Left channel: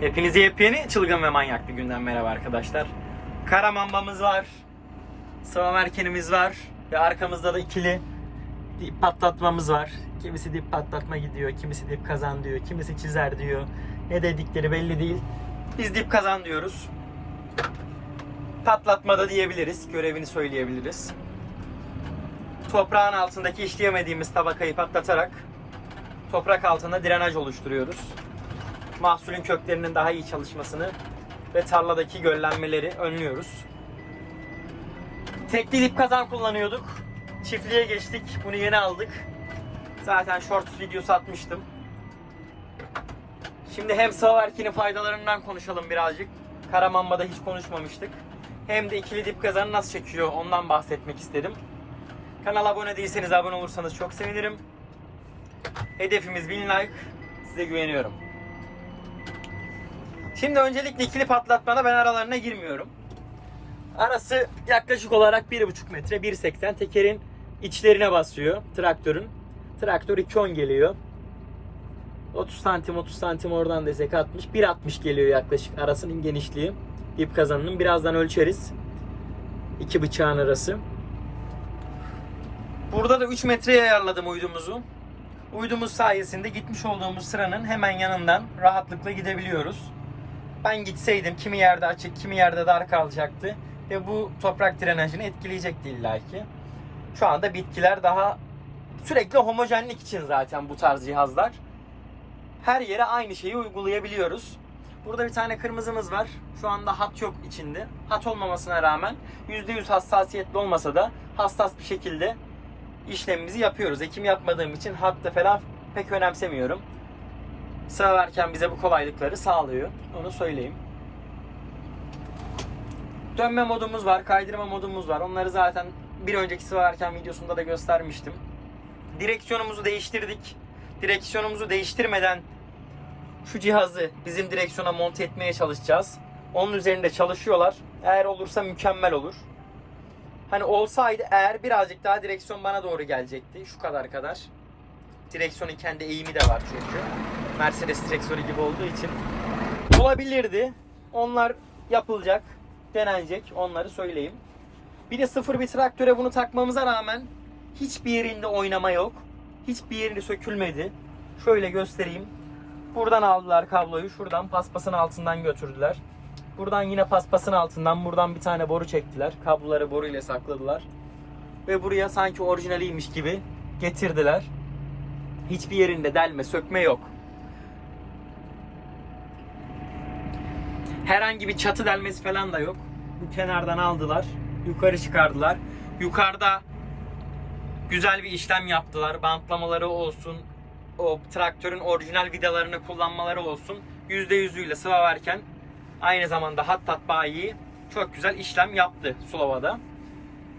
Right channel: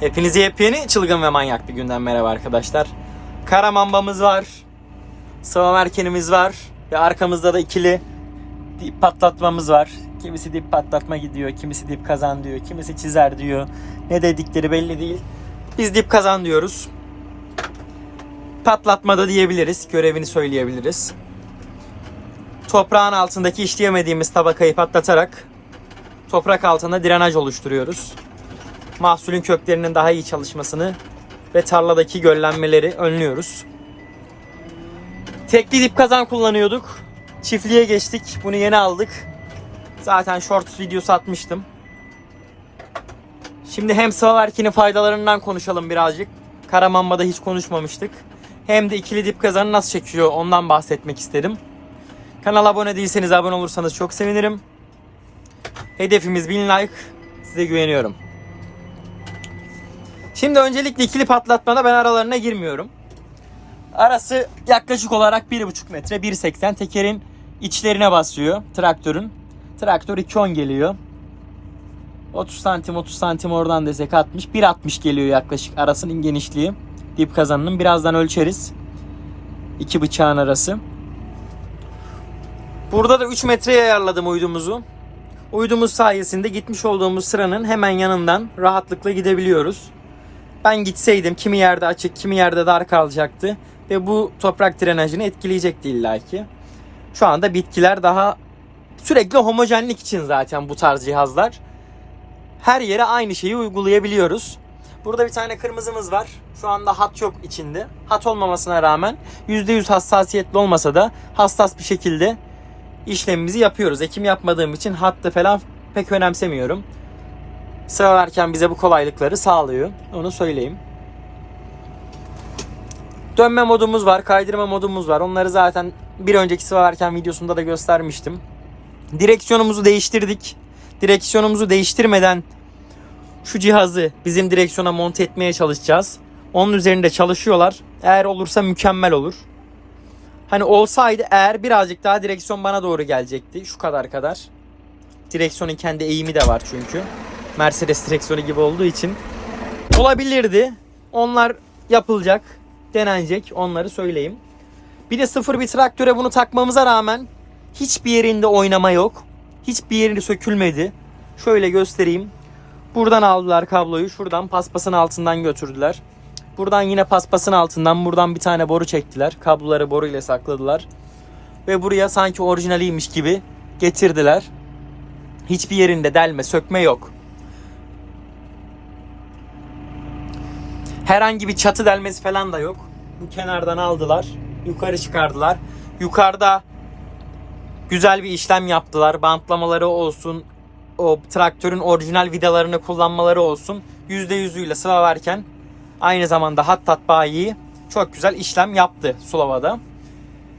Hepinize yepyeni çılgın ve manyak bir günden merhaba arkadaşlar. Kara mambamız var. Sıva merkenimiz var. Ve arkamızda da ikili dip patlatmamız var. Kimisi dip patlatma gidiyor, kimisi dip kazan diyor, kimisi çizer diyor. Ne dedikleri belli değil. Biz dip kazan diyoruz. Patlatmada diyebiliriz, görevini söyleyebiliriz. Toprağın altındaki işleyemediğimiz tabakayı patlatarak toprak altında drenaj oluşturuyoruz mahsulün köklerinin daha iyi çalışmasını ve tarladaki göllenmeleri önlüyoruz. Tekli dip kazan kullanıyorduk. Çiftliğe geçtik. Bunu yeni aldık. Zaten short videosu atmıştım. Şimdi hem sıva erkinin faydalarından konuşalım birazcık. Karamamba'da hiç konuşmamıştık. Hem de ikili dip kazanı nasıl çekiyor ondan bahsetmek istedim. Kanala abone değilseniz abone olursanız çok sevinirim. Hedefimiz 1000 like. Size güveniyorum. Şimdi öncelikle ikili patlatmada ben aralarına girmiyorum. Arası yaklaşık olarak 1,5 metre 1.80 tekerin içlerine basıyor traktörün. Traktör 2.10 geliyor. 30 santim 30 santim oradan desek 60 1.60 geliyor yaklaşık arasının genişliği. Dip kazanının birazdan ölçeriz. İki bıçağın arası. Burada da 3 metreye ayarladım uydumuzu. Uydumuz sayesinde gitmiş olduğumuz sıranın hemen yanından rahatlıkla gidebiliyoruz. Ben gitseydim kimi yerde açık, kimi yerde dar kalacaktı ve bu toprak drenajını etkileyecekti illaki. Şu anda bitkiler daha sürekli homojenlik için zaten bu tarz cihazlar. Her yere aynı şeyi uygulayabiliyoruz. Burada bir tane kırmızımız var. Şu anda hat yok içinde. Hat olmamasına rağmen %100 hassasiyetli olmasa da hassas bir şekilde işlemimizi yapıyoruz. Ekim yapmadığım için hattı falan pek önemsemiyorum sıralarken bize bu kolaylıkları sağlıyor. Onu söyleyeyim. Dönme modumuz var, kaydırma modumuz var. Onları zaten bir önceki sıvalarken videosunda da göstermiştim. Direksiyonumuzu değiştirdik. Direksiyonumuzu değiştirmeden şu cihazı bizim direksiyona monte etmeye çalışacağız. Onun üzerinde çalışıyorlar. Eğer olursa mükemmel olur. Hani olsaydı eğer birazcık daha direksiyon bana doğru gelecekti. Şu kadar kadar. Direksiyonun kendi eğimi de var çünkü. Mercedes direksiyonu gibi olduğu için olabilirdi. Onlar yapılacak, denenecek. Onları söyleyeyim. Bir de sıfır bir traktöre bunu takmamıza rağmen hiçbir yerinde oynama yok. Hiçbir yeri sökülmedi. Şöyle göstereyim. Buradan aldılar kabloyu. Şuradan paspasın altından götürdüler. Buradan yine paspasın altından buradan bir tane boru çektiler. Kabloları boru ile sakladılar. Ve buraya sanki orijinaliymiş gibi getirdiler. Hiçbir yerinde delme, sökme yok. Herhangi bir çatı delmesi falan da yok. Bu kenardan aldılar. Yukarı çıkardılar. Yukarıda güzel bir işlem yaptılar. Bantlamaları olsun, o traktörün orijinal vidalarını kullanmaları olsun. %100'üyle sıva verken aynı zamanda hattat bayi çok güzel işlem yaptı Sulava'da.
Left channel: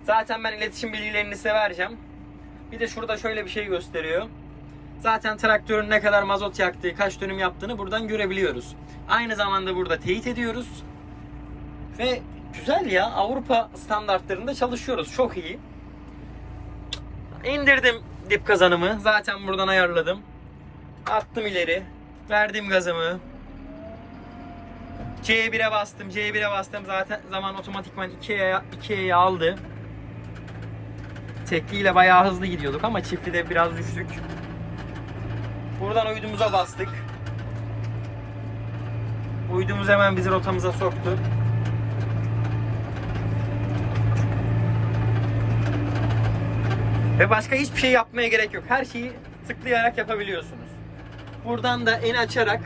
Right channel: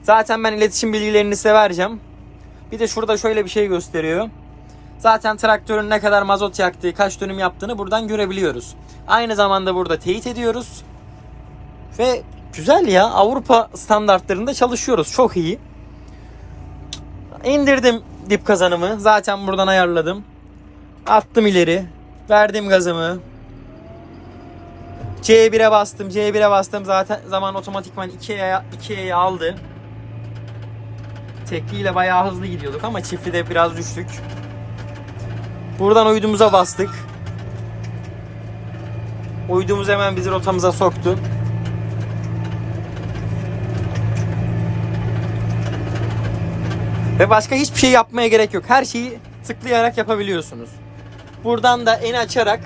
Zaten ben iletişim bilgilerini size vereceğim. Bir de şurada şöyle bir şey gösteriyor. Zaten traktörün ne kadar mazot yaktığı, kaç dönüm yaptığını buradan görebiliyoruz. Aynı zamanda burada teyit ediyoruz. Ve güzel ya Avrupa standartlarında çalışıyoruz. Çok iyi. İndirdim dip kazanımı. Zaten buradan ayarladım. Attım ileri. Verdim gazımı. C1'e bastım. C1'e bastım. Zaten zaman otomatikman 2'ye 2'ye aldı. Tekliyle bayağı hızlı gidiyorduk ama çiftli biraz düştük. Buradan uydumuza bastık. Uydumuz hemen bizi rotamıza soktu. Ve başka hiçbir şey yapmaya gerek yok. Her şeyi tıklayarak yapabiliyorsunuz. Buradan da eni açarak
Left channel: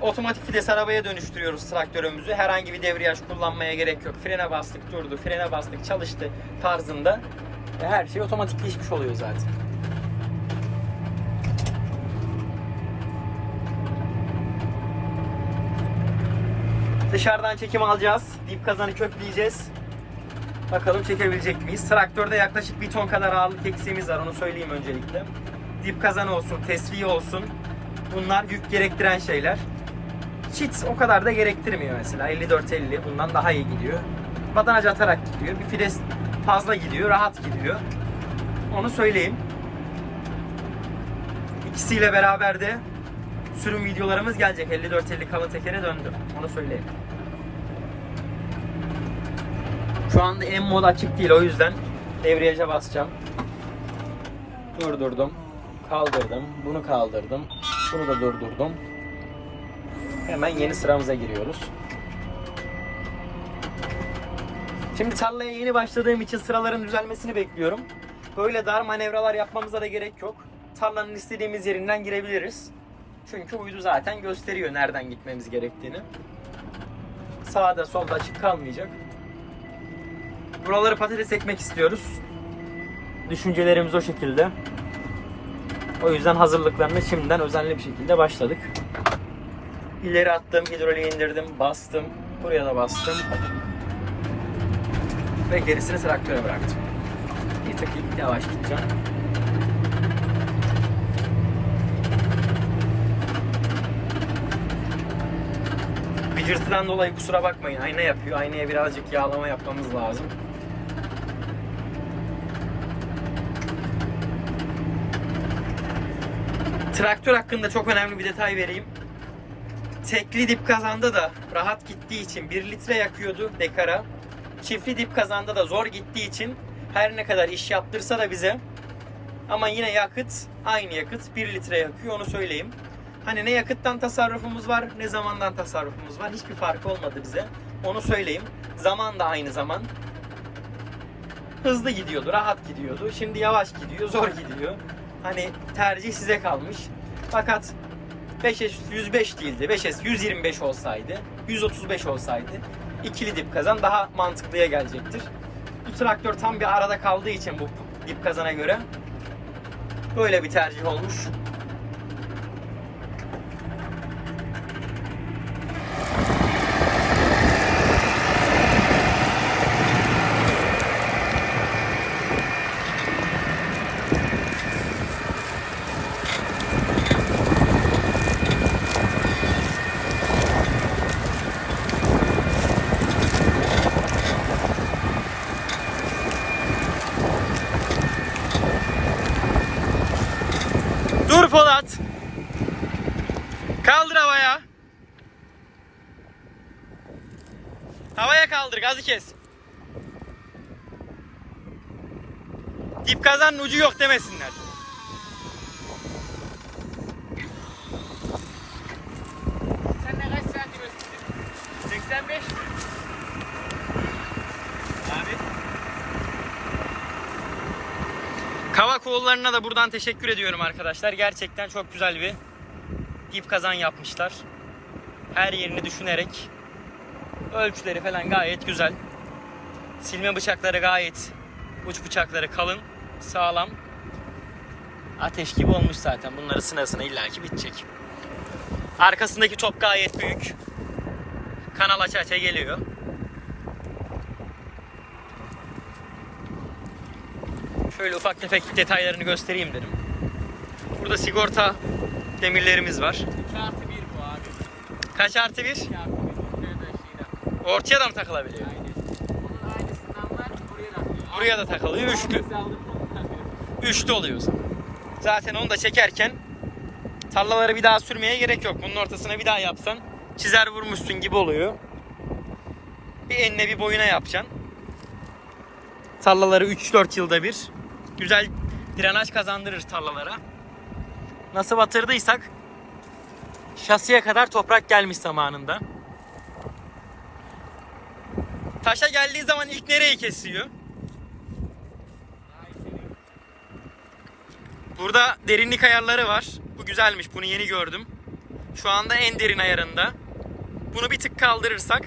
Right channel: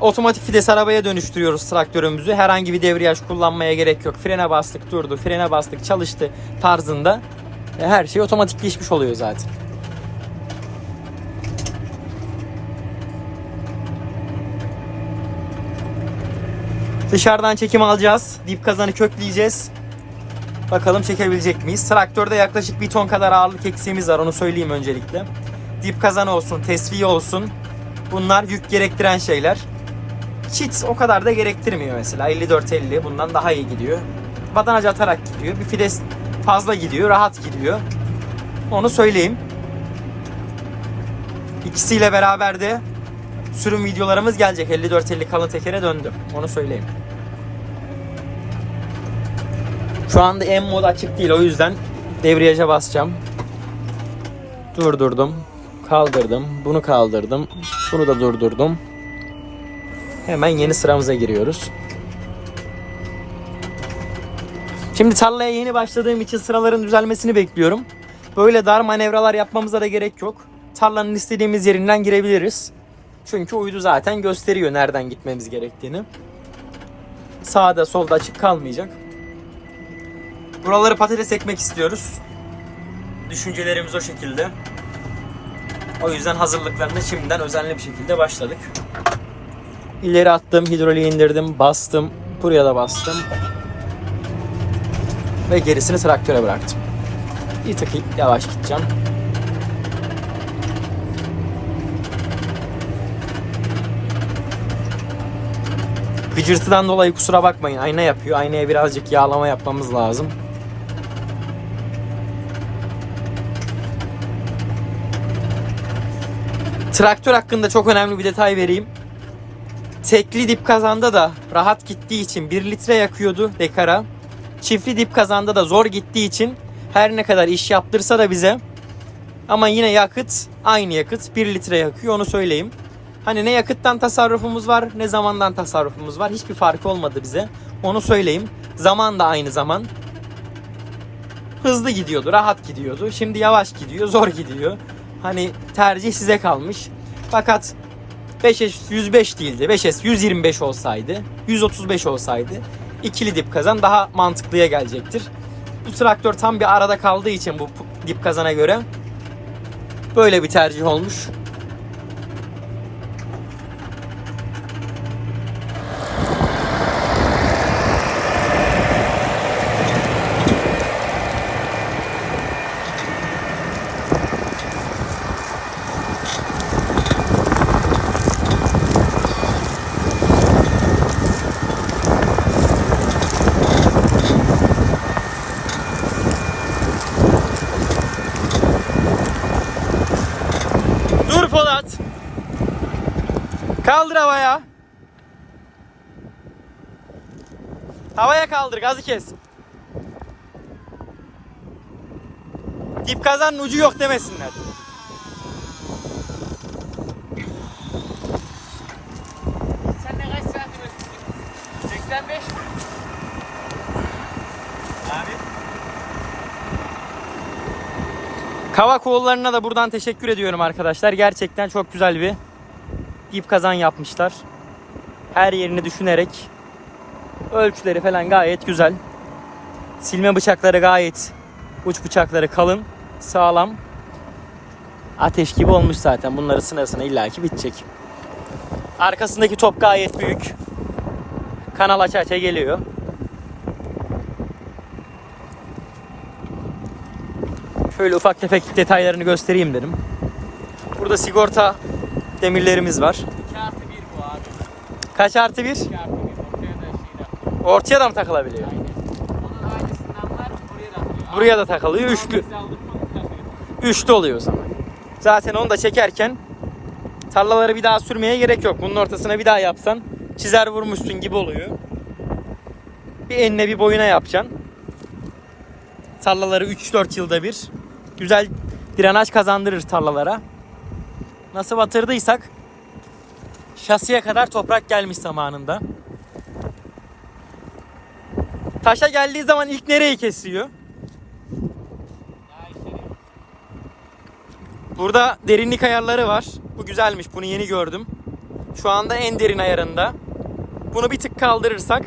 otomatik vites arabaya dönüştürüyoruz traktörümüzü. Herhangi bir debriyaj kullanmaya gerek yok. Frene bastık durdu, frene bastık çalıştı tarzında. E, Her şey otomatikleşmiş oluyor zaten. Dışarıdan çekim alacağız. Dip kazanı kökleyeceğiz. Bakalım çekebilecek miyiz? Traktörde yaklaşık bir ton kadar ağırlık eksiğimiz var. Onu söyleyeyim öncelikle. Dip kazanı olsun, tesviye olsun. Bunlar yük gerektiren şeyler. Çit o kadar da gerektirmiyor mesela. 54-50 bundan daha iyi gidiyor. Badanaj atarak gidiyor. Bir fides fazla gidiyor, rahat gidiyor. Onu söyleyeyim. İkisiyle beraber de sürüm videolarımız gelecek. 54-50 kalın tekere döndüm. Onu söyleyeyim. Şu anda en mod açık değil o yüzden debriyaja basacağım. Durdurdum. Kaldırdım. Bunu kaldırdım. Bunu da durdurdum. Hemen yeni sıramıza giriyoruz. Şimdi tarlaya yeni başladığım için sıraların düzelmesini bekliyorum. Böyle dar manevralar yapmamıza da gerek yok. Tarlanın istediğimiz yerinden girebiliriz. Çünkü uydu zaten gösteriyor nereden gitmemiz gerektiğini. Sağda solda açık kalmayacak. Buraları patates ekmek istiyoruz. Düşüncelerimiz o şekilde. O yüzden hazırlıklarına şimdiden özenli bir şekilde başladık. İleri attım, hidroliği indirdim, bastım. Buraya da bastım. Ve gerisini traktöre bıraktım. Bir tık yavaş gideceğim. Gıcırtıdan dolayı kusura bakmayın. Ayna yapıyor. Aynaya birazcık yağlama yapmamız lazım. Traktör hakkında çok önemli bir detay vereyim. Tekli dip kazanda da rahat gittiği için 1 litre yakıyordu dekara. Çiftli dip kazanda da zor gittiği için her ne kadar iş yaptırsa da bize ama yine yakıt aynı yakıt 1 litre yakıyor onu söyleyeyim. Hani ne yakıttan tasarrufumuz var ne zamandan tasarrufumuz var hiçbir farkı olmadı bize. Onu söyleyeyim. Zaman da aynı zaman. Hızlı gidiyordu, rahat gidiyordu. Şimdi yavaş gidiyor, zor gidiyor. Hani tercih size kalmış. Fakat 5S 105 değildi. 5S 125 olsaydı, 135 olsaydı ikili dip kazan daha mantıklıya gelecektir. Bu traktör tam bir arada kaldığı için bu dip kazana göre böyle bir tercih olmuş. Dur Polat. Kaldır havaya. Havaya kaldır gazı kes. Dip kazanın ucu yok demesinler. Sen de kaç saat ölçtün? 85 Abi. Kavak oğullarına da buradan teşekkür ediyorum arkadaşlar. Gerçekten çok güzel bir dip kazan yapmışlar. Her yerini düşünerek ölçüleri falan gayet güzel. Silme bıçakları gayet uç bıçakları kalın, sağlam. Ateş gibi olmuş zaten. Bunları sınırsına illaki bitecek. Arkasındaki top gayet büyük. Kanal aça aça geliyor. Şöyle ufak tefek detaylarını göstereyim dedim. Burada sigorta demirlerimiz var. Kaç artı bir? Ortaya da mı takılabiliyor? Buraya da takılıyor. Üçlü. Üçlü oluyor. Zaten onu da çekerken tarlaları bir daha sürmeye gerek yok. Bunun ortasına bir daha yapsan çizer vurmuşsun gibi oluyor. Bir enine bir boyuna yapacaksın. Tarlaları 3-4 yılda bir güzel drenaj kazandırır tarlalara. Nasıl batırdıysak şasiye kadar toprak gelmiş zamanında. Taşa geldiği zaman ilk nereyi kesiyor? Burada derinlik ayarları var. Bu güzelmiş. Bunu yeni gördüm. Şu anda en derin ayarında. Bunu bir tık kaldırırsak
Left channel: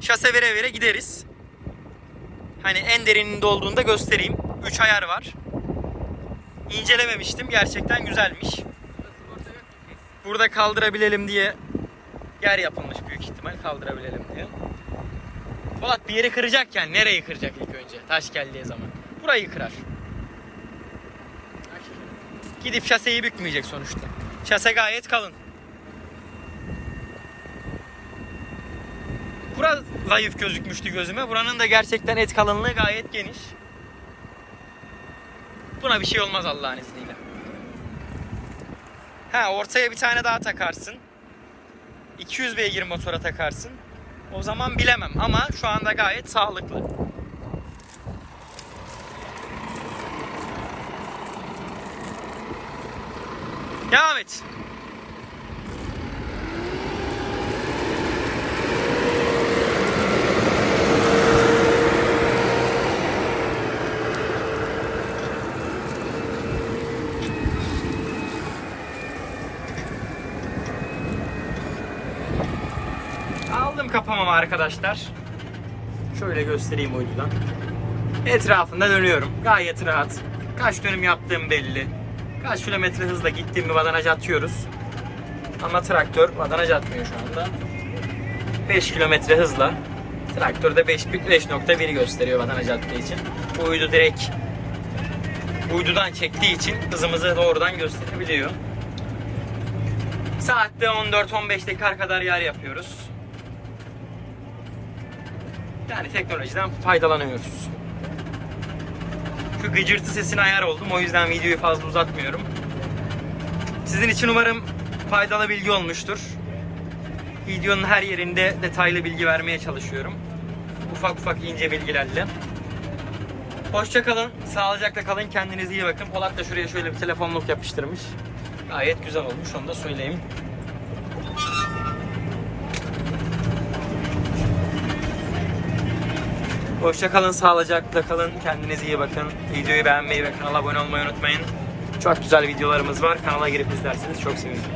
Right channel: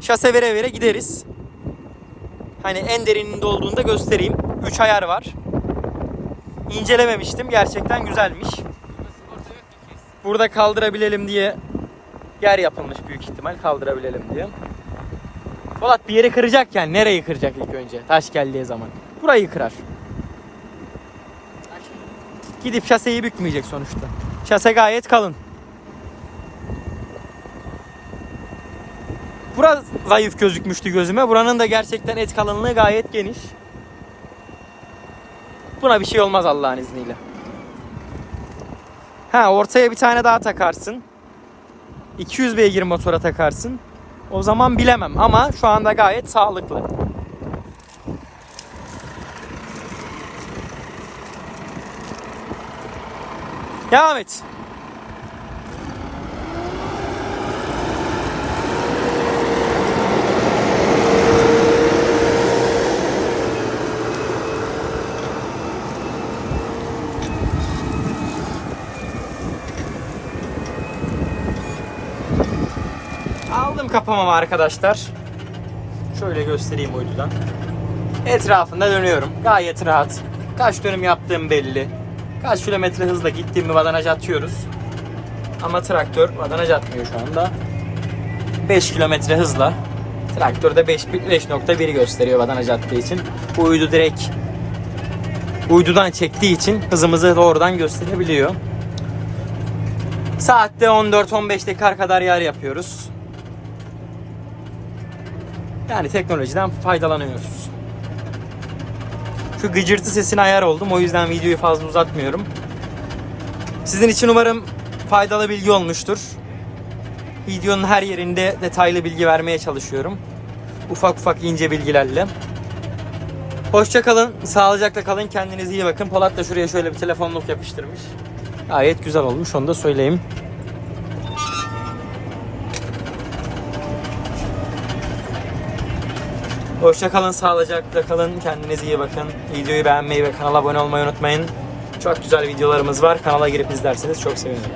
şase vere vere gideriz. Hani en derininde olduğunda göstereyim. 3 ayar var. İncelememiştim. Gerçekten güzelmiş. Burada kaldırabilelim diye yer yapılmış büyük ihtimal kaldırabilelim diye. Polat bir yeri kıracakken nereyi kıracak ilk önce? Taş geldiği zaman. Burayı kırar. Gidip şaseyi bükmeyecek sonuçta. Şase gayet kalın. Bura zayıf gözükmüştü gözüme. Buranın da gerçekten et kalınlığı gayet geniş. Buna bir şey olmaz Allah'ın izniyle. Ha ortaya bir tane daha takarsın. 200 beygir motora takarsın. O zaman bilemem ama şu anda gayet sağlıklı. Devam et. Aldım kapamamı arkadaşlar. Şöyle göstereyim uydudan. Etrafında dönüyorum. Gayet rahat. Kaç dönüm yaptığım belli. Kaç kilometre hızla gittiğimi vadanaj atıyoruz. Ama traktör vadanaj atmıyor şu anda. 5 kilometre hızla. Traktörde 5 5.1 gösteriyor vadanaj attığı için. Bu uydu direkt uydudan çektiği için hızımızı doğrudan gösterebiliyor. Saatte 14-15 dakika kadar yer yapıyoruz. Yani teknolojiden faydalanıyoruz. Şu gıcırtı sesine ayar oldum. O yüzden videoyu fazla uzatmıyorum. Sizin için umarım faydalı bilgi olmuştur. Videonun her yerinde detaylı bilgi vermeye çalışıyorum. Ufak ufak ince bilgilerle. Hoşça kalın, sağlıcakla kalın, kendinize iyi bakın. Polat da şuraya şöyle bir telefonluk yapıştırmış. Gayet güzel olmuş, onu da söyleyeyim. Hoşça kalın, sağlıcakla kalın. Kendinize iyi bakın. Videoyu beğenmeyi ve kanala abone olmayı unutmayın. Çok güzel videolarımız var. Kanala girip izlerseniz çok sevinirim.